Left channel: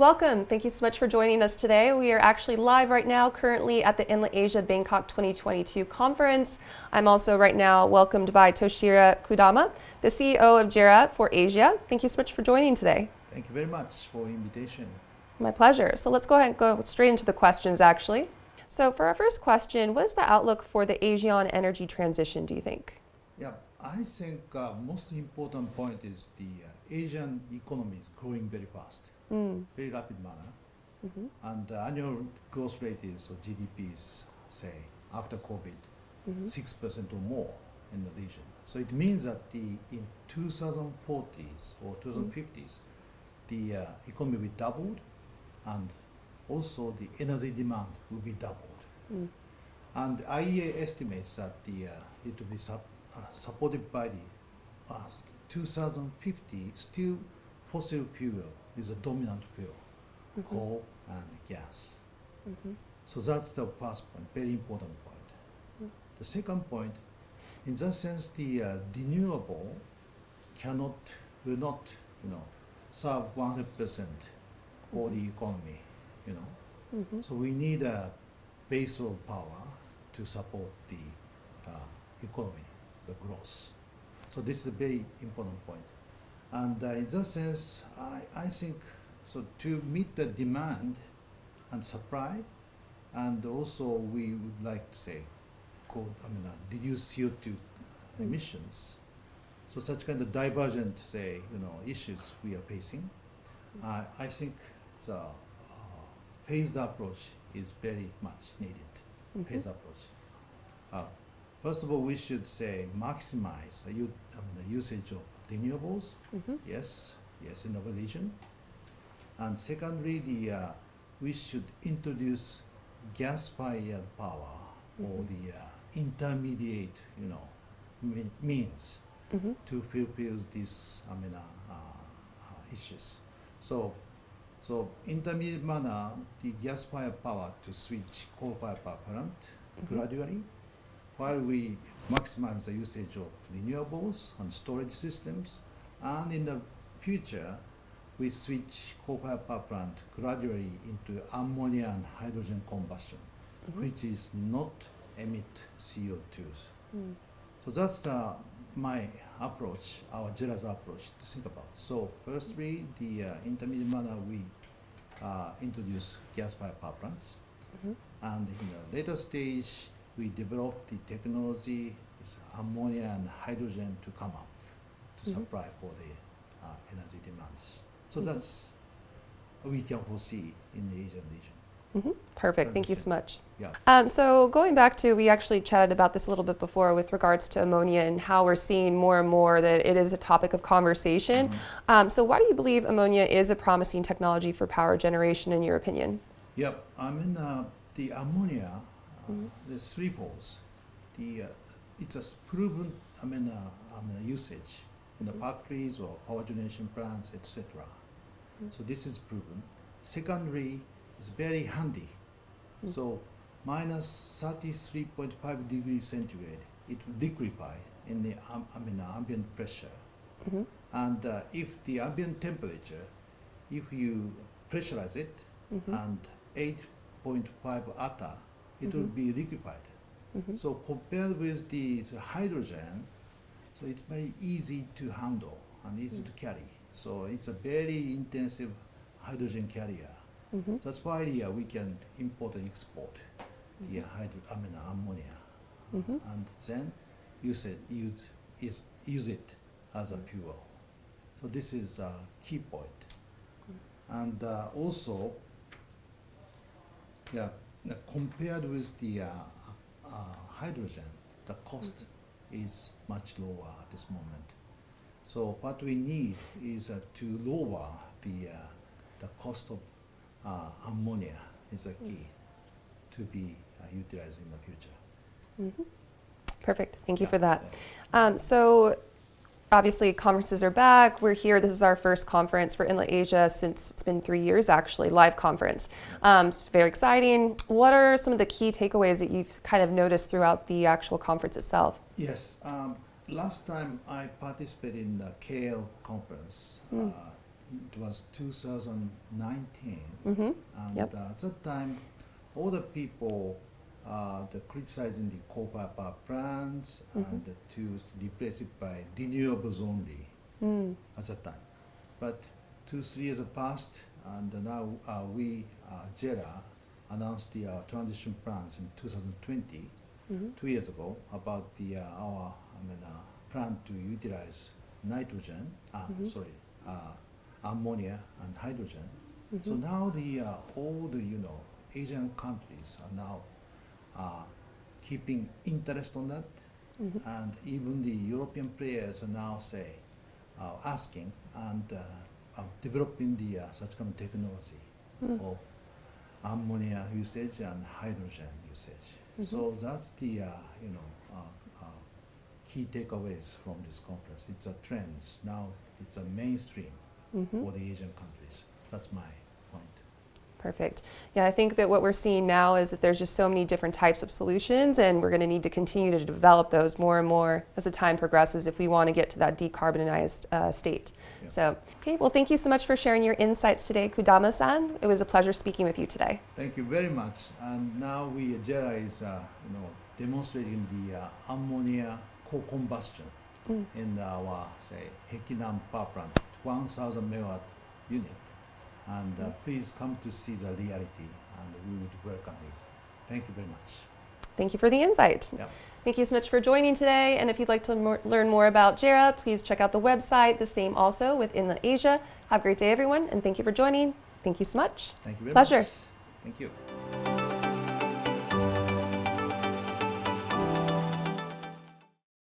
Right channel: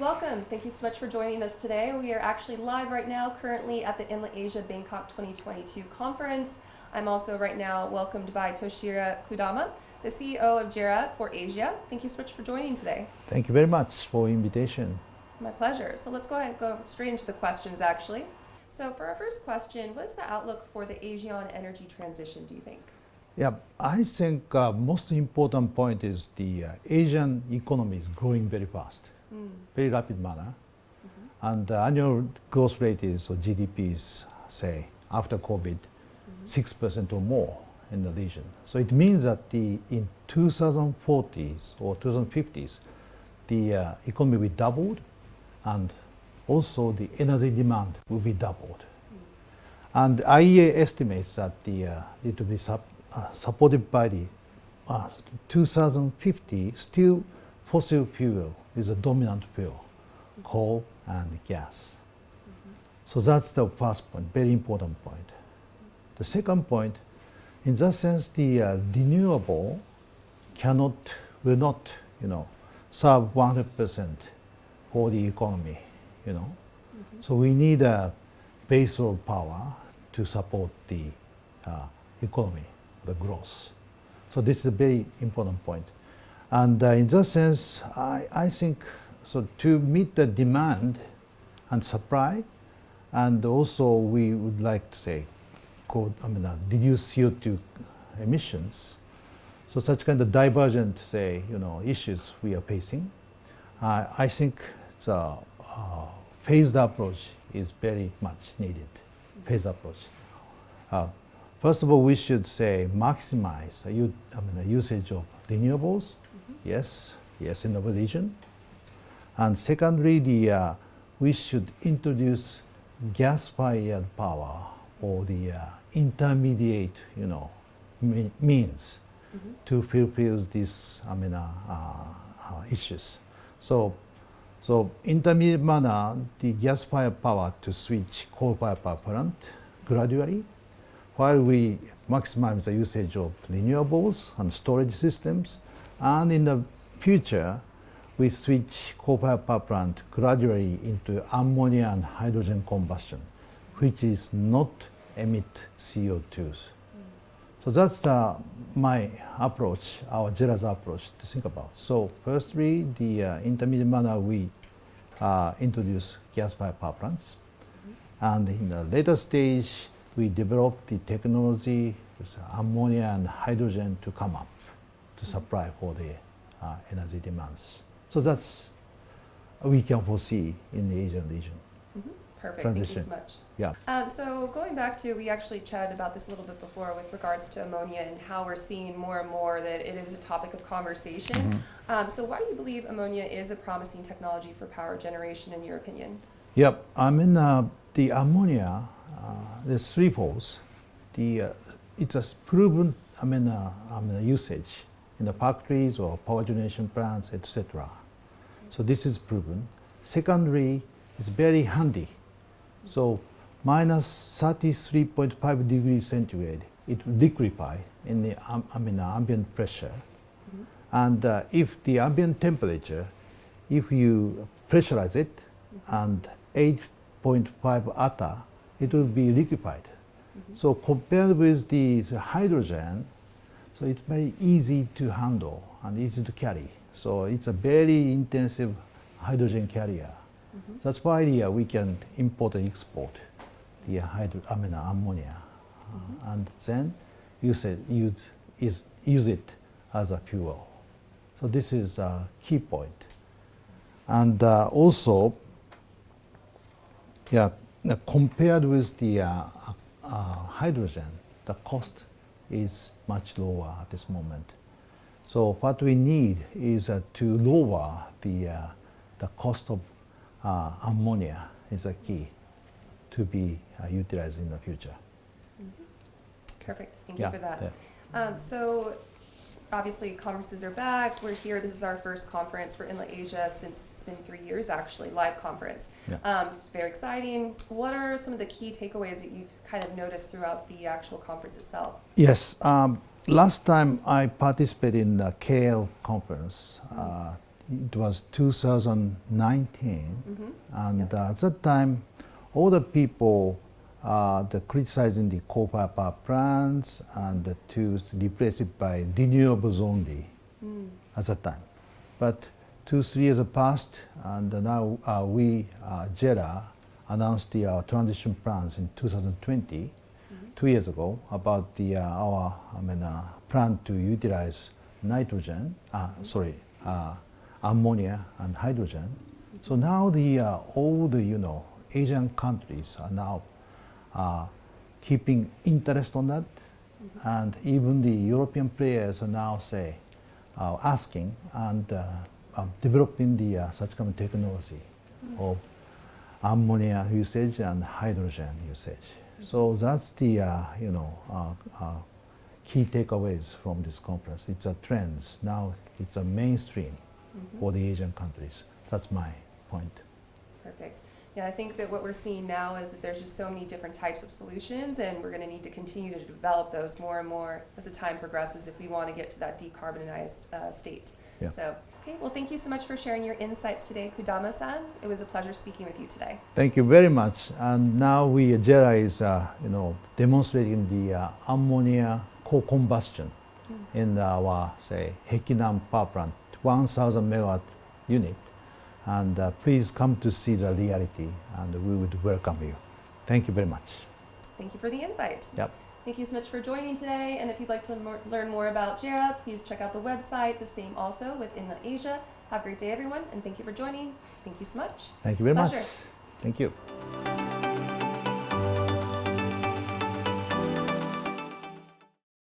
Welcome. Thank you so much for joining us today. We are actually live right now, currently at the Enlit Asia Bangkok 2022 conference. I'm also right now welcomed by Toshiro Kudama, the CEO of JERA for Asia. Thank you so much for joining today. Thank you very much for the invitation. My pleasure. So let's go ahead and go straight into the questions, actually. So for our first question, what is the outlook for the Asian energy transition, do you think? Yeah, I think most important point is the Asian economy is growing very fast, very rapid manner, and the annual growth rate is, or GDP is, say, after COVID, 6% or more in the region. So it means that in 2040s or 2050s, the economy will be doubled, and also the energy demand will be doubled. And IEA estimates that it will be supported by the 2050, still fossil fuel is a dominant fuel, coal and gas. So that's the first point, very important point. The second point, in that sense, the renewable will not, serve 100% for the economy, So we need a base of power to support the economy, the growth. So this is a very important point. And in that sense, I think, so to meet the demand and supply, and also we would like to say, reduce CO2 emissions. So such kind of divergent, issues we are facing. I think the phased approach is very much needed. Phased approach. First of all, we should say maximize the usage of renewables. Yes, in our region. And secondly, we should introduce gas-fired power or the intermediate, means to fulfill these issues. So intermediate manner, the gas-fired power to switch coal-fired power plant gradually, while we maximize the usage of renewables and storage systems, and in the future, we switch coal-fired power plant gradually into ammonia and hydrogen combustion, which is not emit CO2s. So that's my approach, our JERA's approach to think about. So firstly, the intermediate manner, we introduce gas-fired power plants. And in the later stage, we develop the technology with ammonia and hydrogen to come up to supply for the energy demands. So that's we can foresee in the Asian region. Perfect. Thank you so much. Yeah. So going back to, we actually chatted about this a little bit before with regards to ammonia and how we're seeing more and more that it is a topic of conversation. So why do you believe ammonia is a promising technology for power generation, in your opinion? Yep. The ammonia, the three folds, it's a proven usage in the factories or power generation plants, etc. So this is proven. Secondly, it's very handy. So minus 33.5 degrees centigrade, it will liquefy in the ambient pressure. And if the ambient temperature, if you pressurize it and 8.5 attar, it will be liquefied. So compared with the hydrogen, so it's very easy to handle and easy to carry. So it's a very intensive hydrogen carrier. That's why we can import and export the ammonia, and then use it as a fuel. So this is a key point. And also, compared with the hydrogen, the cost is much lower at this moment. So what we need is to lower the cost of ammonia is a key to be utilized in the future. Perfect. Thank you for that. So obviously conferences are back. We're here. This is our first conference for Enlit Asia since it's been 3 years, actually, live conference. It's very exciting. What are some of the key takeaways that you've kind of noticed throughout the actual conference itself? Yes. Last time I participated in the KL conference it was 2019, and Yep. at that time, all the people the criticizing the coal-fired power plants and to replace it by renewables only at that time. But 2-3 years have passed, and now we, JERA, announced the transition plans in 2020, 2 years ago, about our plan to utilize nitrogen, ammonia and hydrogen. So now all the Asian countries are now keeping interest on that, and even the European players are now asking and developing such kind of technology of ammonia usage and hydrogen usage. So that's the key takeaways from this conference. It's a trend now. It's a mainstream for the Asian countries. That's my point. Perfect. Yeah, I think that what we're seeing now is that there's just so many different types of solutions, and we're going to need to continue to develop those more and more as the time progresses if we want to get to that decarbonized state. Yeah. So, okay, well, thank you so much for sharing your insights today, Kudama-san. It was a pleasure speaking with you today. Thank you very much. And now JERA is demonstrating the ammonia co-combustion in our Hekinam power plant, 1,000 megawatt unit. And please come to see the reality, and we would welcome you. Thank you very much. Thank you for the invite. Yep. Thank you so much for joining today. And if you'd like to learn more about JERA, please check out the website, the same also with Enlit Asia. Have a great day, everyone, and thank you for joining. Thank you so much. Thank you very Pleasure. much. Thank you.